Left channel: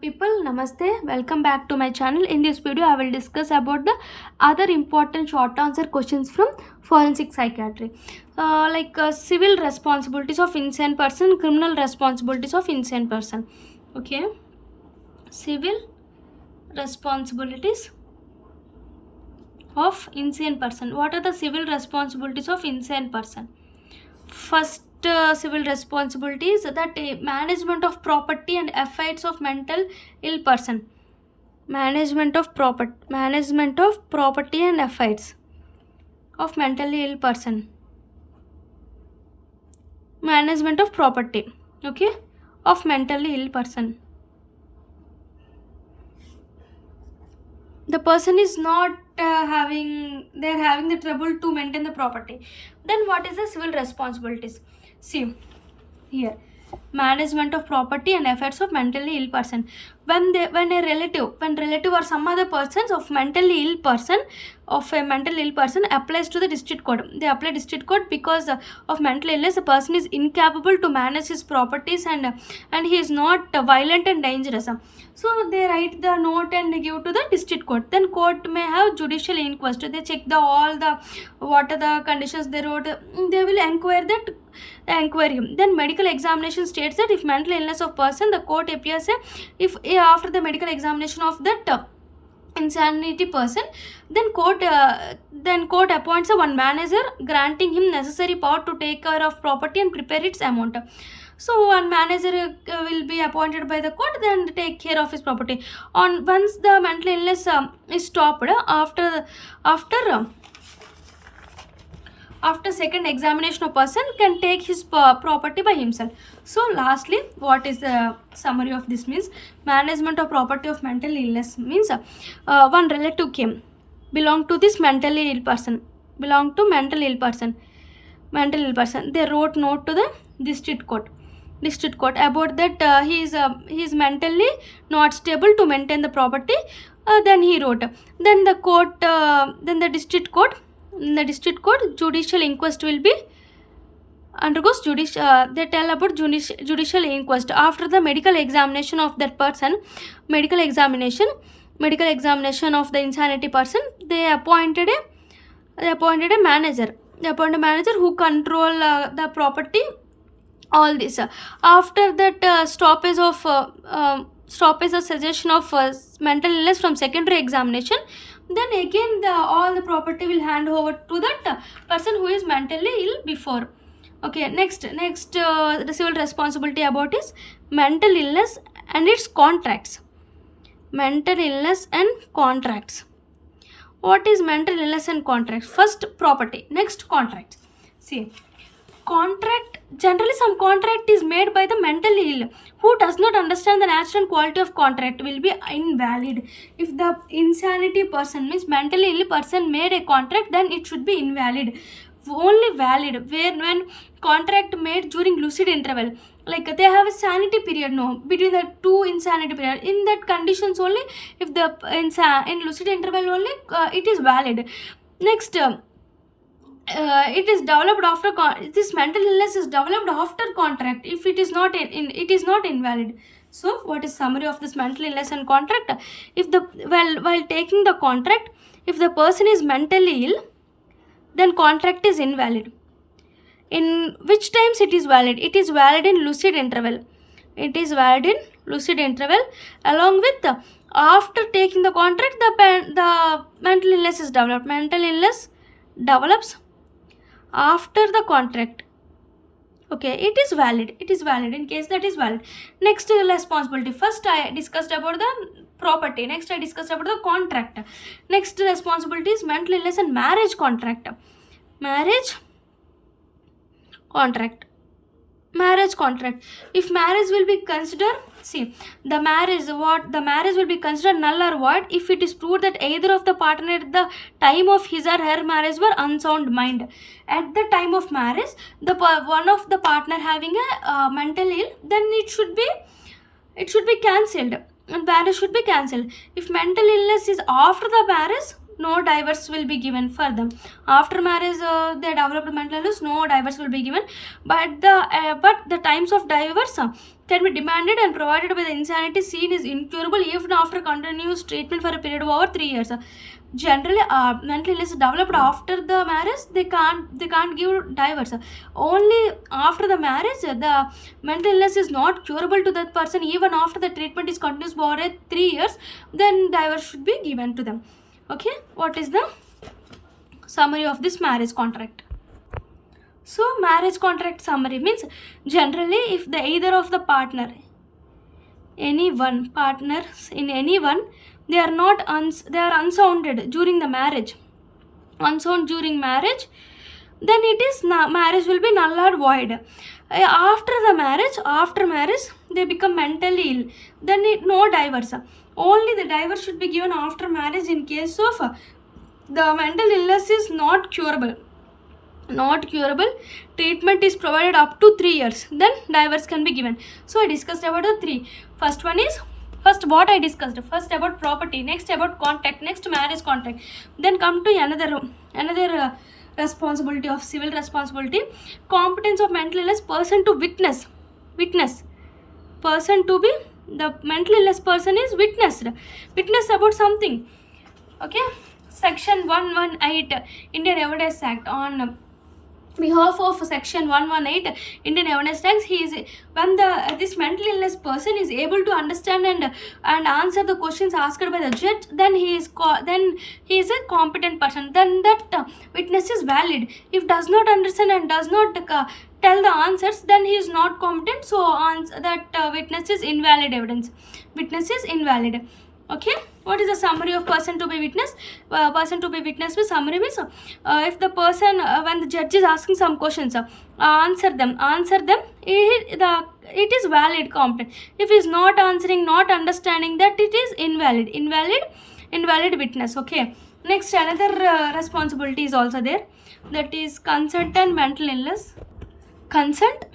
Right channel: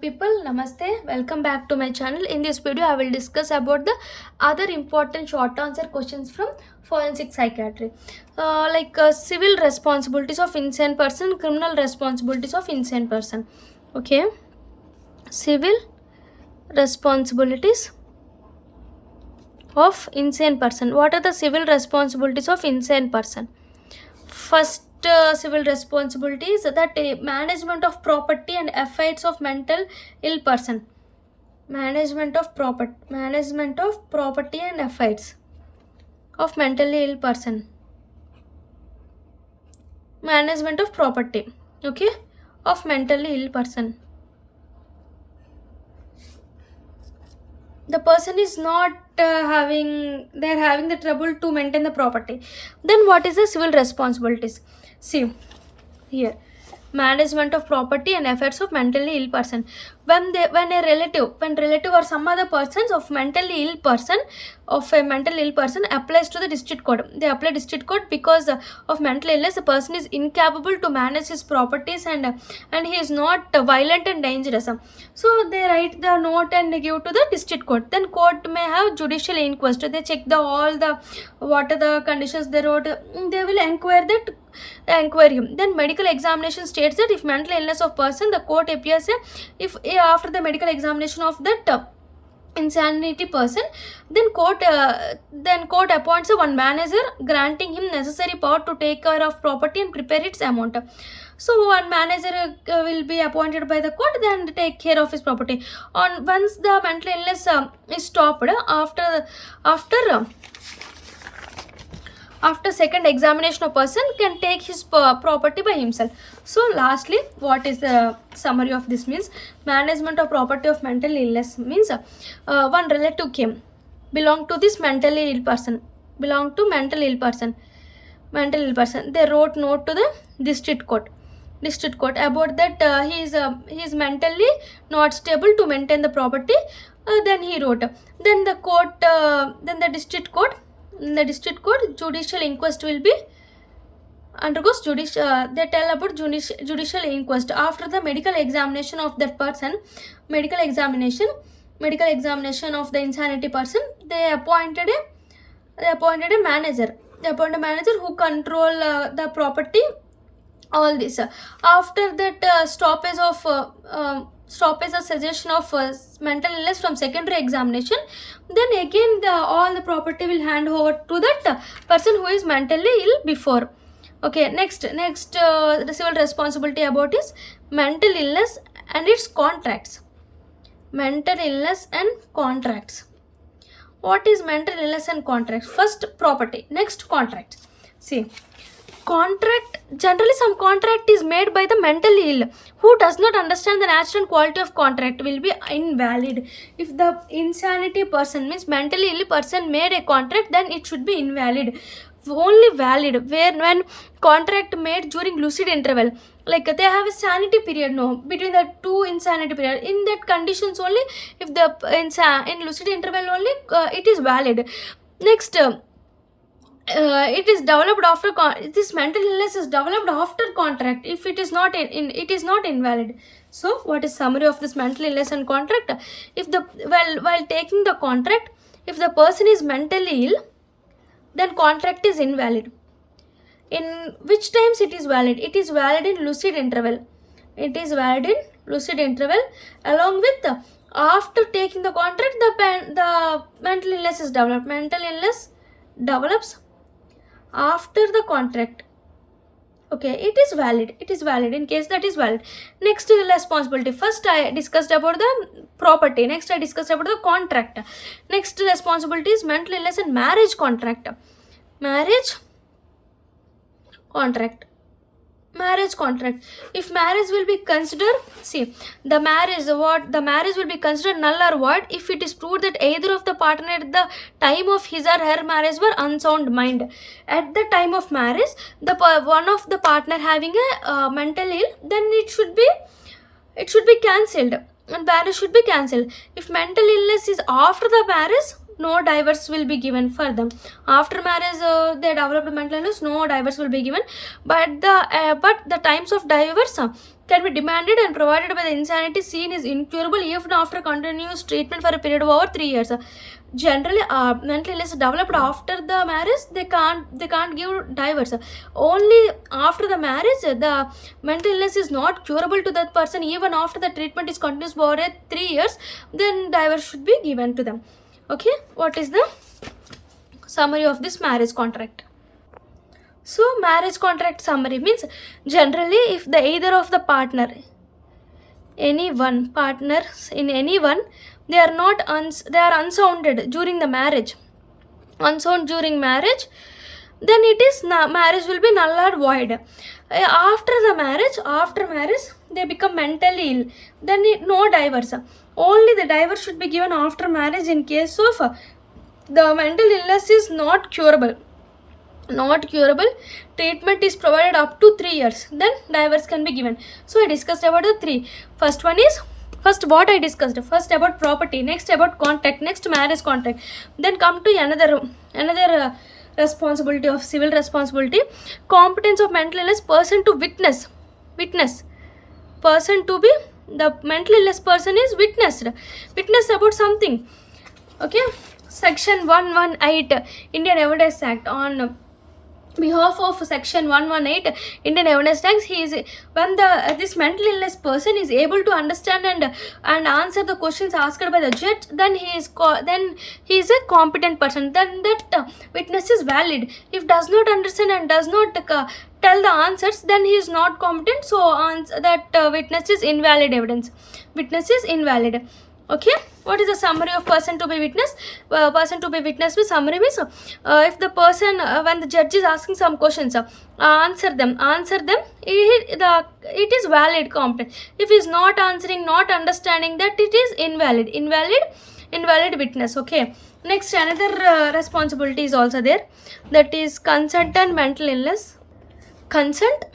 People, namaste. Welcome back to my channel. In this video I will discuss about the other important short answer questions from forensic psychiatry, civil responsibilities of insane person, criminal responsibilities of insane person. Okay, civil responsibilities of insane person. What are the civil responsibilities of insane person? First, civil responsibility is that management of property and affairs of mental ill person. Management of property and affairs of mentally ill person. Management of property, okay, of mentally ill person. The person is not they're having the trouble to maintain the property. Then what is the civil responsibilities? See here, management of property and affairs of mentally ill person. When relative or some other persons of mentally ill person, of a mental ill person applies to the district court, they apply district court because of mental illness. The person is incapable to manage his properties, and he is not violent and dangerous. So they write the note and give to the district court. Then court may have judicial inquest. They check the all the what are the conditions they wrote. They will inquire him. Then medical examination states that if mental illness of person, the court appears if after the medical examination of that insanity person, then court appoints a one manager, granting him necessary power to take care of property and prepare its amount. So one manager will be appointed by the court, then take care of his property. On once the mental illness is stopped, after second examination, a person can take his property by himself. So lastly, what is the summary of this means? Management of property of mental illness means one relative came, belong to this mentally ill person, they wrote note to the district court about that he is mentally not stable to maintain the property. Then he wrote, then the court then the district court in the district court, judicial inquest will be undergoes they tell about judicial inquest. After the medical examination of that person, medical examination of the insanity person, they appointed a manager. They appointed a manager who control the property, all this. After that stoppage or suggestion of mental illness from secondary examination, then again all the property will hand over to that person who is mentally ill before. Okay, next the civil responsibility about is mental illness and its contracts. Mental illness and contracts. What is mental illness and contracts? First property, next contracts. See, contract, generally some contract is made by the mentally ill who does not understand the nature and quality of contract will be invalid. If the insanity person means mentally ill person made a contract, then it should be invalid. Only valid when contract made during lucid interval, like they have a sanity period, no, between the two insanity period. In that conditions only, if the in lucid interval only, it is valid. Next, it is developed after this mental illness is developed after contract. If it is not it is not invalid. So what is summary of this mental illness and contract? If the while taking the contract, if the person is mentally ill, then contract is invalid. In which times it is valid? It is valid in lucid interval. Along with after taking the contract, the mental illness is developed. Mental illness develops after the contract. Okay, it is valid in case that is valid. Next responsibility. First I discussed about the property, next I discussed about the contract. Next responsibility is mental illness and marriage contract. Marriage contract. If marriage will be considered, see, the marriage will be considered null or void if it is proved that either of the partner at the time of his or her marriage were unsound mind. At the time of marriage, the one of the partner having a mental ill, then it should be cancelled, and marriage should be cancelled. If mental illness is after the marriage, no divorce will be given for them. After marriage, they developed mental illness, no divorce will be given. But the times of divorce can be demanded and provided by the insanity seen is incurable even after continuous treatment for a period of over 3 years. Generally, mental illness developed after the marriage, they can't give divorce. Only after the marriage, the mental illness is not curable to that person. Even after the treatment is continuous for 3 years, then divorce should be given to them. Okay, what is the summary of this marriage contract? So marriage contract summary means, generally if the either of the partner, any one partners in any one, they are not they are unsounded during the marriage, unsound during marriage, then it is marriage will be null or void. After marriage they become mentally ill, then no divorce. Only the divorce should be given after marriage in case of the mental illness is not curable. Treatment is provided up to 3 years, then divorce can be given. So I discussed about the three. First what I discussed, first about property, next about contract, next marriage contract, then come to another responsibility of civil responsibility, competence of mental illness person to witness person to be, the mental illness person is witness about something. Okay, section 118 Indian Evidence Act, on behalf of section 118 Indian Evidence Act, he is, when this mental illness person is able to understand and answer the questions asked by the judge, then he is a competent person, then that witness is valid. If does not understand and does not tell the answers, then he is not competent, so that witness is invalid evidence, witness is invalid. Okay, what is the summary of person to be witness? Person to be witness with summary means, if the person, when the judge is asking some questions, answer them, it is valid, competent. If he is not answering, not understanding, that it is invalid witness. Okay, next another responsibility is also there, that is consent and mental illness. Consent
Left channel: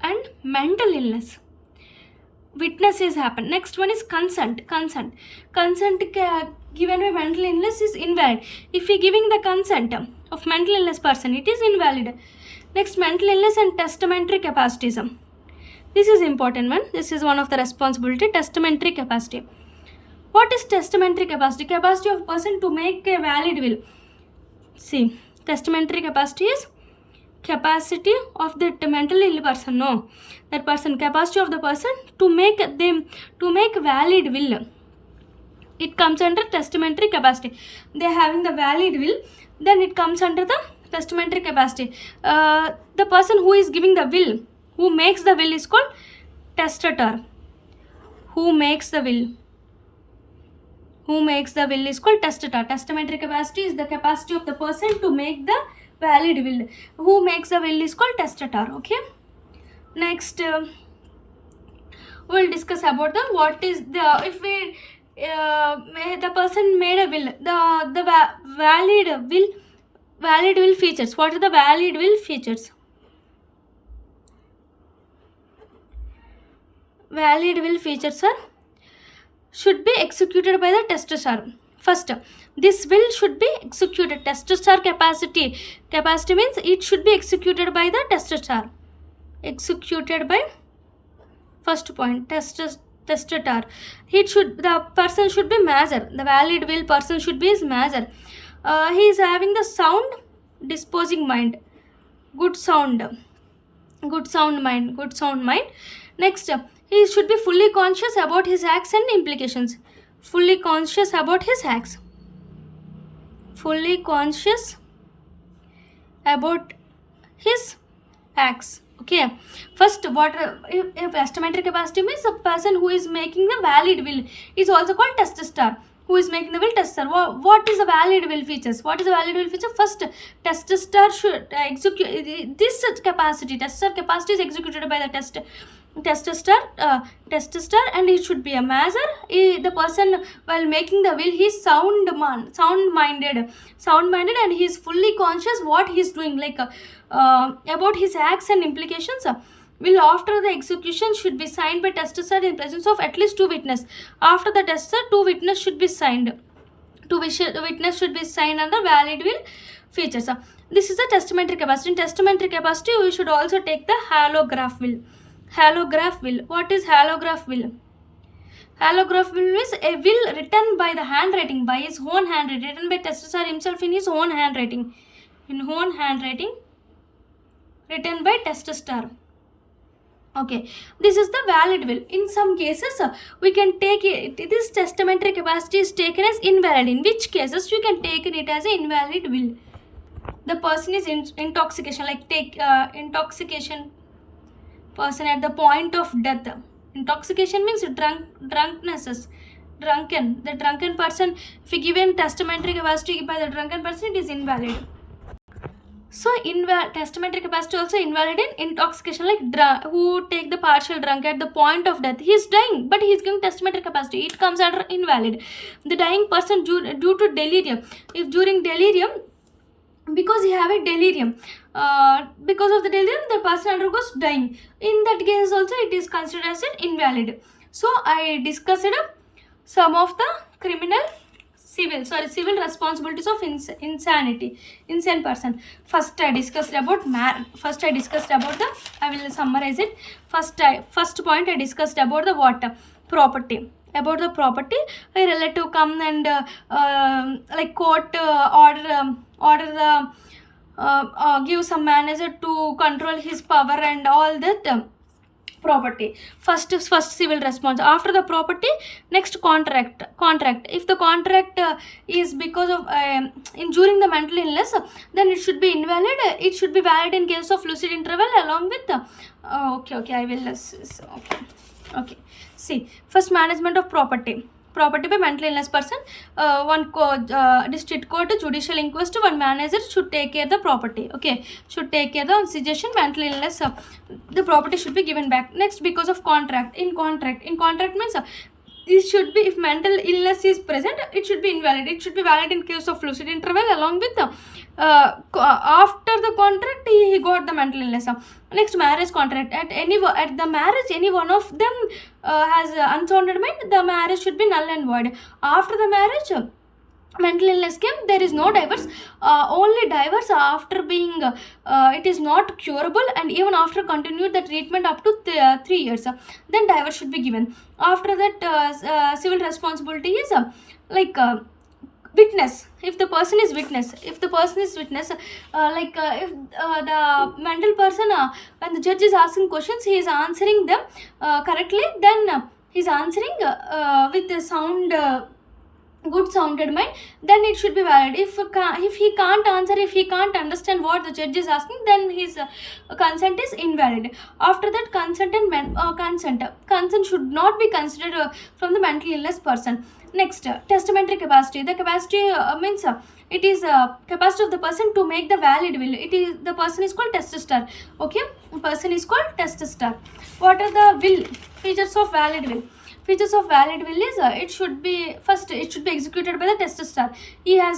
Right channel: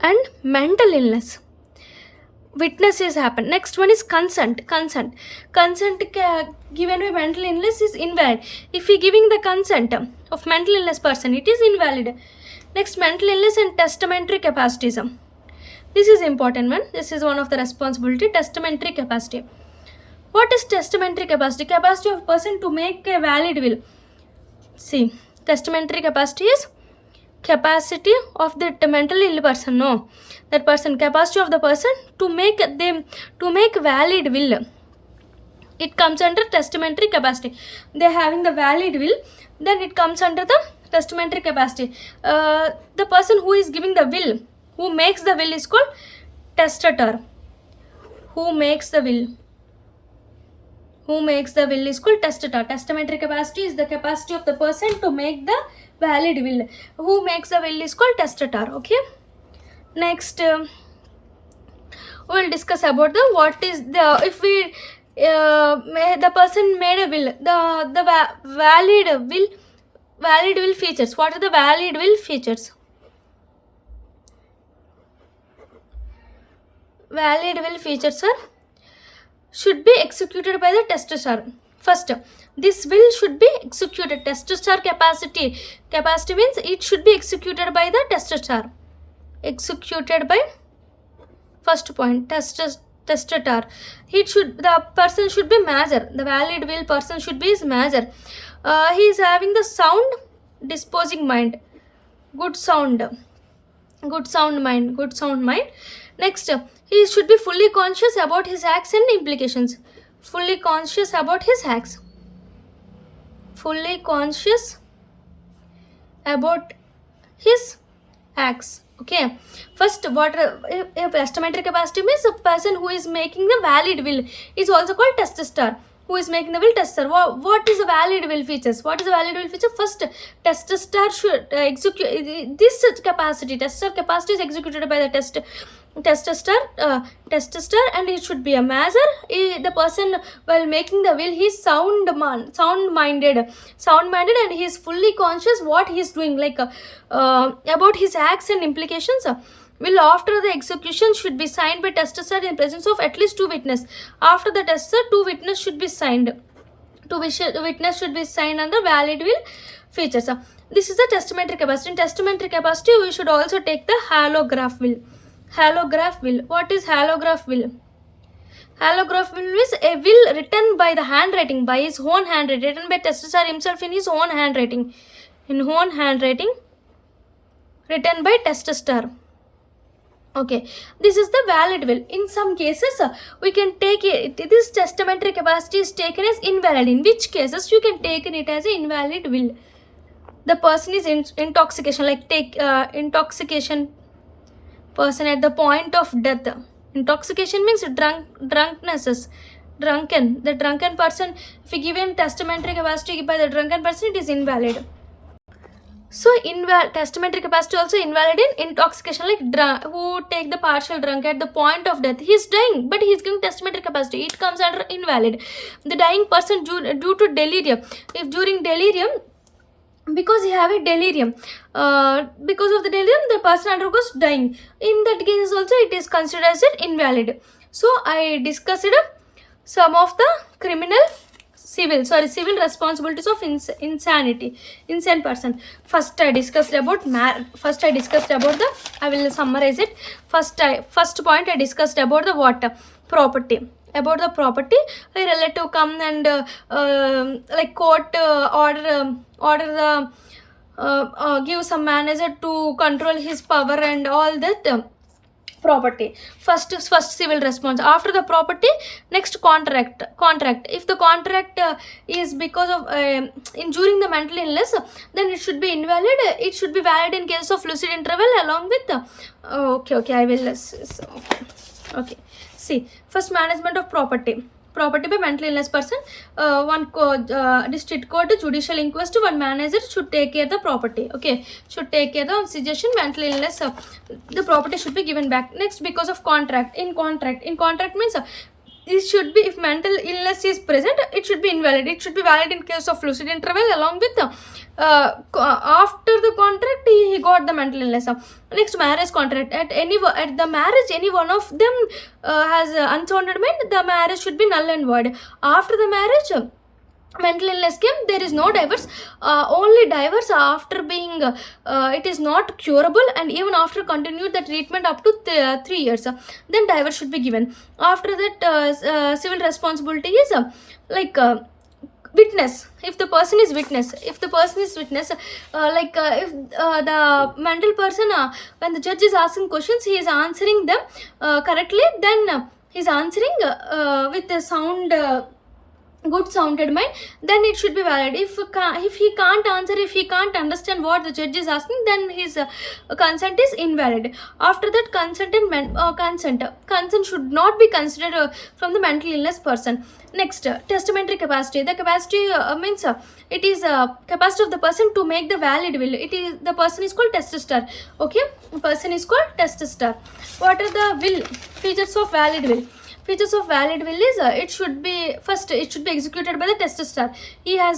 and mental illness, witnesses happen. Next one is consent given by mental illness is invalid. If he giving the consent of mental illness person, it is invalid. Next, mental illness and testamentary capacities. This is important one. This is one of the responsibility, testamentary capacity. What is testamentary capacity? Capacity of person to make a valid will. See, testamentary capacity is capacity of the mentally ill person, no, that person, capacity of the person to make valid will, it comes under testamentary capacity. They having the valid will, then it comes under the testamentary capacity. The person who is giving the will, who makes the will, is called testator. Who makes the will is called testator. Testamentary capacity is the capacity of the person to make the valid will. Who makes the will is called testator. Okay, next we will discuss about the what is the, if we the person made a will, the valid will features. What are the valid will features? Valid will features are should be executed by the testator. First, this will should be executed. Testator capacity means it should be executed by the testator. Executed by, first point, testator. The person should be major. The valid will person should be his major. He is having the sound disposing mind, good sound mind. Next, he should be fully conscious about his acts and implications. Fully conscious about his acts. Okay, first, what testamentary capacity means a person who is making the valid will is also called testator. Who is making the will, testator. What is the valid will features? First, testator should execute this capacity. Testator capacity is executed by the testator, and it should be a major. The person while making the will, he is sound minded, and he is fully conscious what he is doing, like about his acts and implications. will after the execution should be signed by testator in presence of at least 2 witnesses. After the testator, 2 witnesses should be signed. Witness should be signed under valid will features. This is the testamentary capacity. In testamentary capacity, we should also take the hallograph will. Hallograph will. What is hallograph will? Hallograph will is a will written by the handwriting, by his own handwriting, written by testator himself in his own handwriting. In own handwriting, written by testator. Okay, this is the valid will. In some cases, we can take it. This testamentary capacity is taken as invalid. In which cases you can take it as an invalid will? The person is intoxication, like take intoxication person at the point of death. Intoxication means drunkenness. Drunken. The drunken person, if you given testamentary capacity by the drunken person, it is invalid. So testamentary capacity also invalid in intoxication, like who take the partial drunk at the point of death. He is dying, but he is giving testamentary capacity. It comes under invalid. The dying person due to delirium. If during delirium, because he have a delirium, because of the delirium, the person undergoes dying. In that case also, it is considered as invalid. So I discussed some of the civil responsibilities of insane person. First I discussed about the, I will summarize it. First point I discussed about the what? Property. About the property, a relative come and like court order give some manager to control his power and all that. Property. First civil response. After the property, next contract. If the contract is because of during the mental illness, then it should be invalid. It should be valid in case of lucid interval along with okay, I will okay. See, first, management of property by mental illness person. One district court, judicial inquest, one manager should take care of the property. Okay, should take care of the suggestion mental illness. The property should be given back. Next, because of contract. In contract means it should be, if mental illness is present, it should be invalid. It should be valid in case of lucid interval along with after the contract he got the mental illness. Next, marriage contract. At the marriage, any one of them has unsounded mind, the marriage should be null and void. After the marriage, mental illness came, there is no divorce. Only divorce after being it is not curable, and even after continued the treatment up to 3 years, then divorce should be given. After that, civil responsibility is like witness. If the person is witness, if the mental person, when the judge is asking questions, he is answering them correctly, then he is answering with a sound good sounded mind, then it should be valid. If he can't answer, if he can't understand what the judge is asking, then his consent is invalid. After that, consent should not be considered from the mental illness person. Next, testamentary capacity. The capacity means it is capacity of the person to make the valid will. The person is called testator. Okay, person is called testator. What are the will features of valid will? Features of valid will is it should be executed by the testator.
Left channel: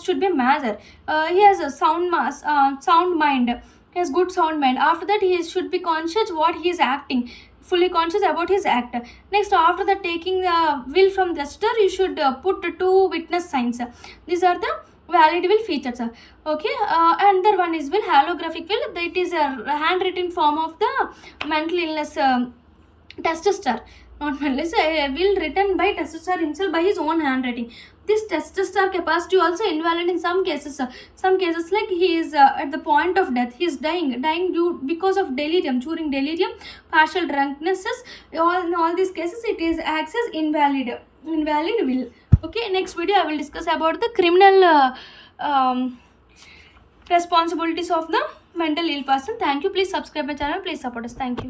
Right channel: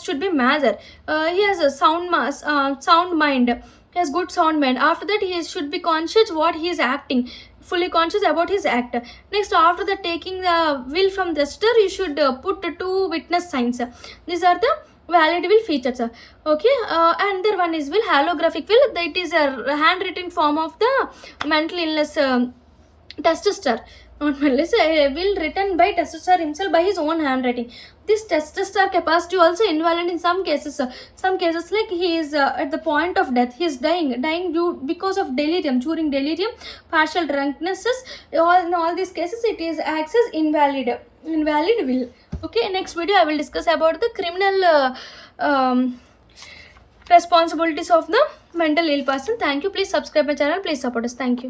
Should be mature. He has a sound mind. He has good sound mind. After that, he should be conscious what he is acting, fully conscious about his act. Next, after the taking the will from the testator, you should put 2 witness signs. These are the valid will features. Okay, another one is will, hallographic will. That is a handwritten form of the mental illness testator. Not mental, a will written by testator himself by his own handwriting. This testator capacity also invalid in some cases. Some cases, like he is at the point of death, he is dying because of delirium. During delirium, partial drunkenness. In all these cases, it is acts as invalid will. Okay, next video I will discuss about the criminal responsibilities of the mental ill person. Thank you. Please subscribe my channel. Please support us. Thank you.